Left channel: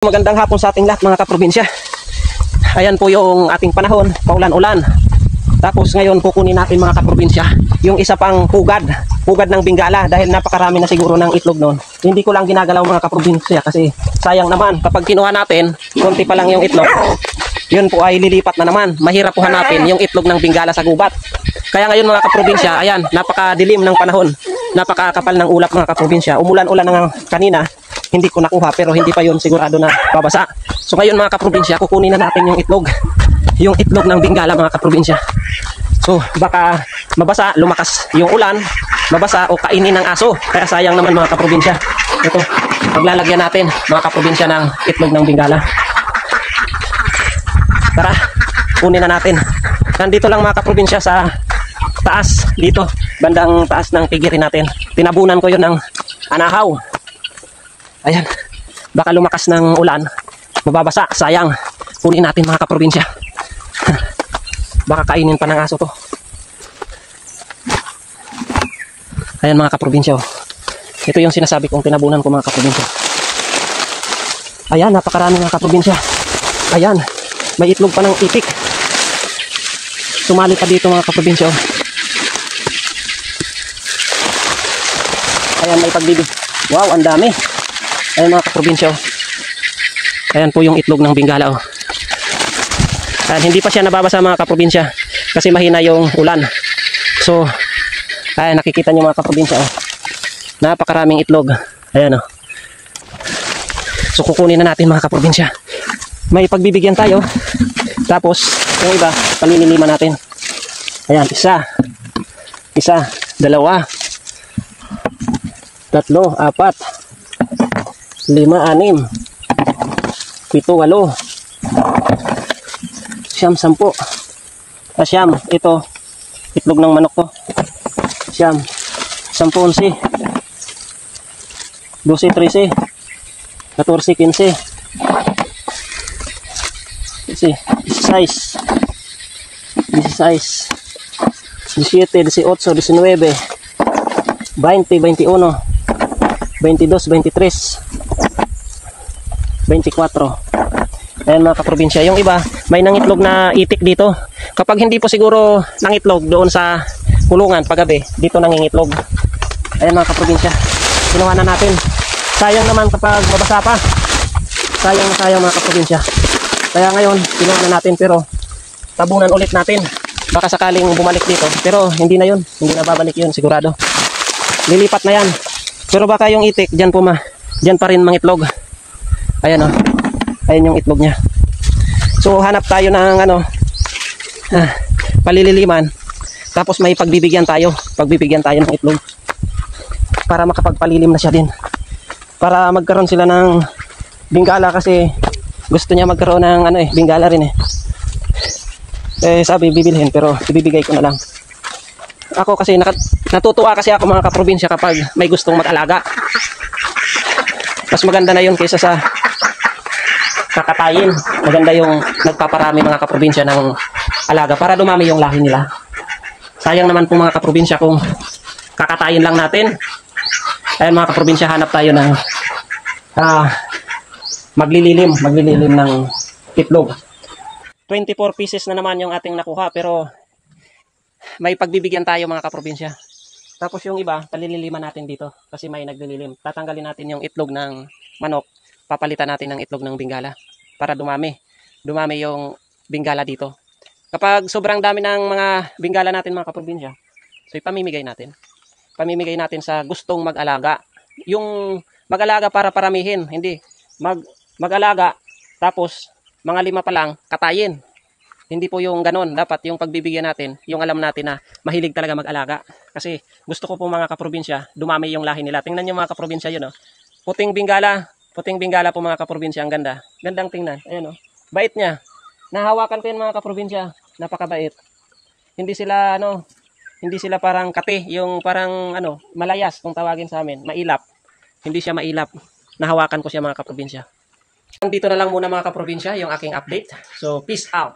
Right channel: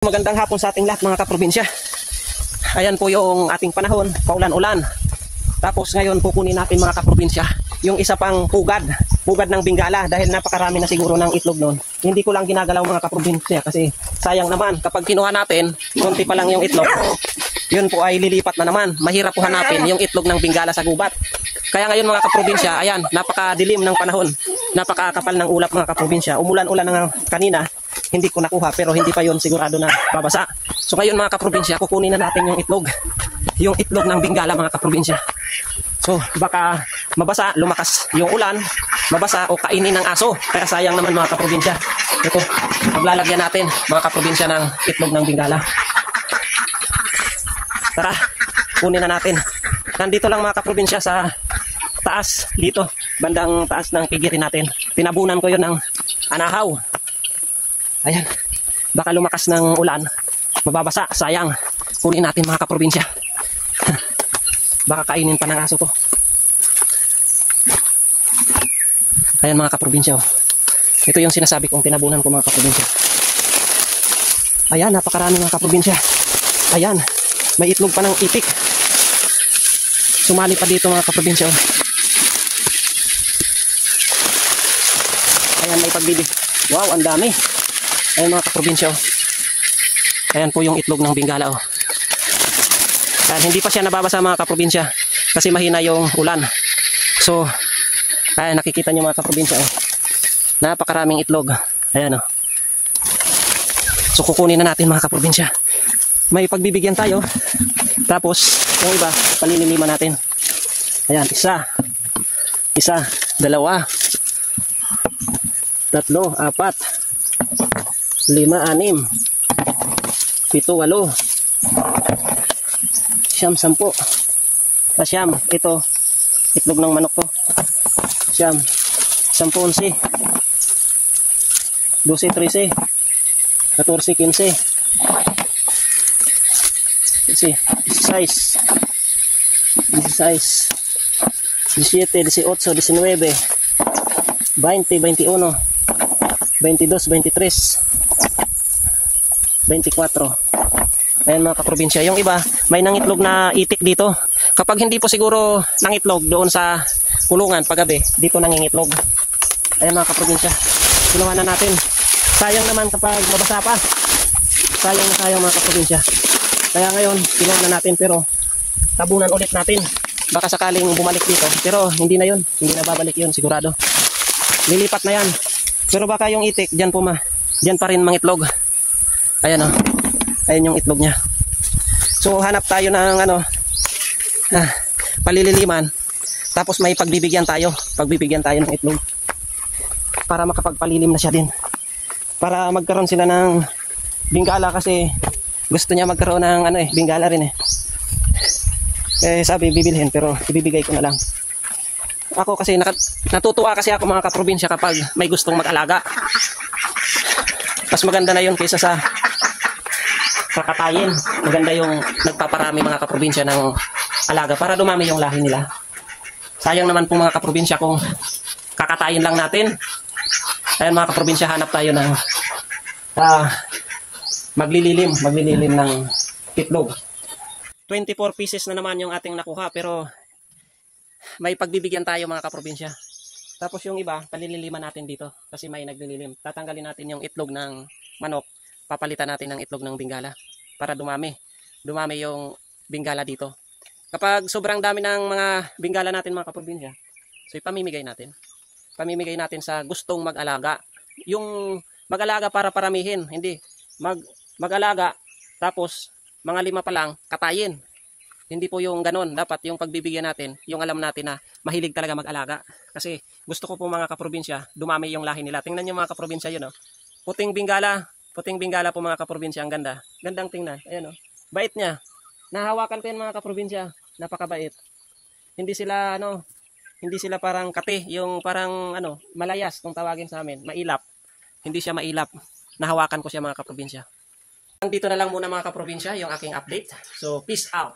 Magandang hapon sa ating lahat mga kaprobinsya. Ayan po yung ating panahon, paulan-ulan. Tapos ngayon kukunin natin mga kaprobinsya yung isa pang pugad ng Bengala dahil napakarami na siguro ng itlog noon. Hindi ko lang ginagalaw mga kaprobinsya kasi sayang naman kapag kinuha natin, konti pa lang yung itlog. Yun po ay lilipat na naman. Mahirap po hanapin yung itlog ng Bengala sa gubat. Kaya ngayon mga kaprobinsya, ayan, napakadilim ng panahon. Napakakapal ng ulap mga kaprobinsya. Umulan-ulan na kanina. Hindi ko nakuha pero hindi pa yun sigurado na babasa. So ngayon mga kaprobinsya, kukunin na natin yung itlog. Yung itlog ng Bengala mga kaprobinsya. So baka mabasa, lumakas yung ulan, mabasa o kainin ng aso. Kaya sayang naman mga kaprobinsya. Ito, paglalagyan natin mga kaprobinsya ng itlog ng Bengala. Tara, kunin na natin. Nandito lang mga kaprobinsya sa taas, dito, bandang taas ng pigirin natin. Tinabunan ko yun ng anahaw. Ayan, baka lumakas ng ulan, mababasa, sayang. Kunin natin mga kaprobinsya. Baka kainin pa ng aso to. Ayan mga kaprobinsya, oh. Ito yung sinasabi kong tinabunan ko mga kaprobinsya. Ayan, napakarami mga kaprobinsya. Ayan, may itlog pa ng itik. Sumali pa dito mga kaprobinsya, oh. Ayan, may pagbibig. Wow, ang dami. Ayan mga kaprobinsya, oh. Ayan po yung itlog ng Bengala, oh. Hindi pa siya nababasa mga kaprobinsya kasi mahina yung ulan. So ayan, nakikita nyo mga kaprobinsya, oh. Napakaraming itlog. Ayan, oh. So kukunin na natin mga kaprobinsya. May pagbibigyan tayo. Tapos yung iba paniniliman natin. Ayan, isa, dalawa, tatlo, apat, 5, 6, 7, 8, 9, 10. Siyam, ito itlog ng manok to. Siyam, 10, 11, 12, 13, 14, 15, 16, 17, 18, 19, 20, 21, 22, 23, 24. Ayan mga kaprobinsya, yung iba may nangitlog na itik dito. Kapag hindi po siguro nangitlog doon sa kulungan paggabi, dito nangingitlog. Ayan mga kaprobinsya, ginawa na natin. Sayang naman kapag mabasa pa. Sayang mga kaprobinsya. Kaya ngayon ginawa na natin pero tabunan ulit natin. Baka sakaling bumalik dito, pero hindi na yun, hindi na babalik yun sigurado. Lilipat na yan. Pero baka yung itik dyan pa rin mangitlog. Ayan, oh. Ayan yung itlog niya. So hanap tayo ng palililiman. Tapos may pagbibigyan tayo ng itlog. Para makapagpalilim na siya din. Para magkaroon sila ng Bengala kasi gusto niya magkaroon ng Bengala rin eh. Sabi bibilhin pero ibibigay ko na lang. Ako kasi natutuwa kasi ako mga kaprobinsya kapag may gustong mag-alaga. Mas maganda na yun kaysa sa kakatayin. Maganda yung nagpaparami mga kaprobinsya ng alaga para dumami yung lahi nila. Sayang naman po mga kaprobinsya kung kakatayin lang natin. Ayun mga kaprobinsya, hanap tayo ng maglililim ng itlog. 24 pieces na naman yung ating nakuha pero may pagbibigyan tayo mga kaprobinsya. Tapos yung iba palililiman natin dito kasi may naglililim. Tatanggalin natin yung itlog ng manok, papalitan natin ng itlog ng Bengala para dumami yung Bengala dito. Kapag sobrang dami ng mga Bengala natin mga kaprobinsya, so ipamimigay natin sa gustong mag-alaga. Yung mag-alaga para paramihin, hindi mag-alaga tapos mga 5 pa lang katayin. Hindi po yung ganon. Dapat yung pagbibigyan natin, yung alam natin na mahilig talaga mag-alaga. Kasi gusto ko po mga kaprobinsya, dumami yung lahi nila. Tingnan nyo mga kaprobinsya yun, oh. Puting Bengala po mga kaprobinsya, ang ganda. Gandang tingnan. Ayan, oh. Bait niya. Nahawakan ko yun mga kaprobinsya. Napakabait. Hindi sila parang kate, yung parang malayas kung tawagin sa amin, mailap. Hindi siya mailap. Nahawakan ko siya mga kaprobinsya. Dito na lang muna mga kaprobinsya yung aking update. So peace out.